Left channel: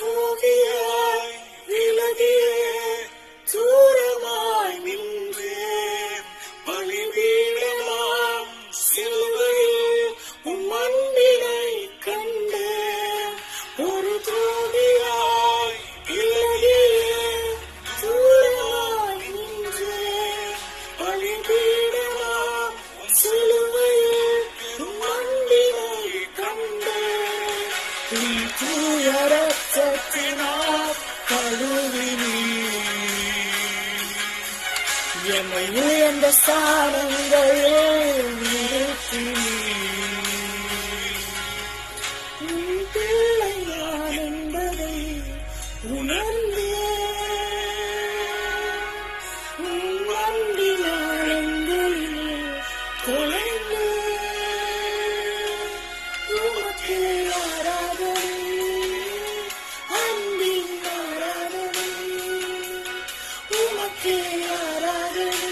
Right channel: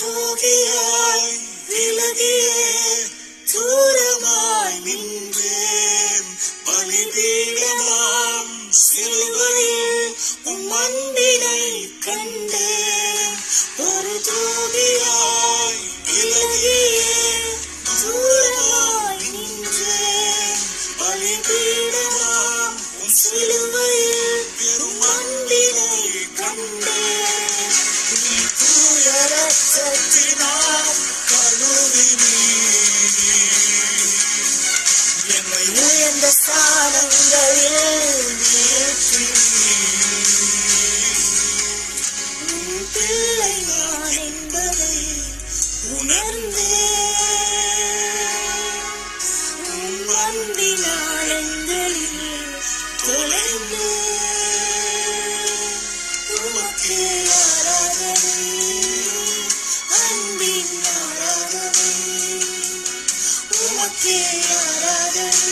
துரோகியாய் விலகியே தூரமாய் நின்றேன். பலிபீடமாம் சிலுவையில் உம் அன்பினை கண்டேன். ஒரு துரோகியாய் விலகியே தூரமாய் நின்றேன். பலிபீடமாம் உம் சிலுவையில் உம் அன்பினை கண்டேன். நீ தூய ரத்தத்தினால் கழுவினீர். என்னை உயர்ந்த ஸ்தானங்களில் நிறுத்தினீர். உன் பிள்ளை நான் என்பதை உணர்ந்தேன். உன் அன்பின் ஆழங்களில் தொலைந்தேன். உமக்கே ஆராதனை, அன்பின் ஆராதனை. உமக்கே ஆராதனை.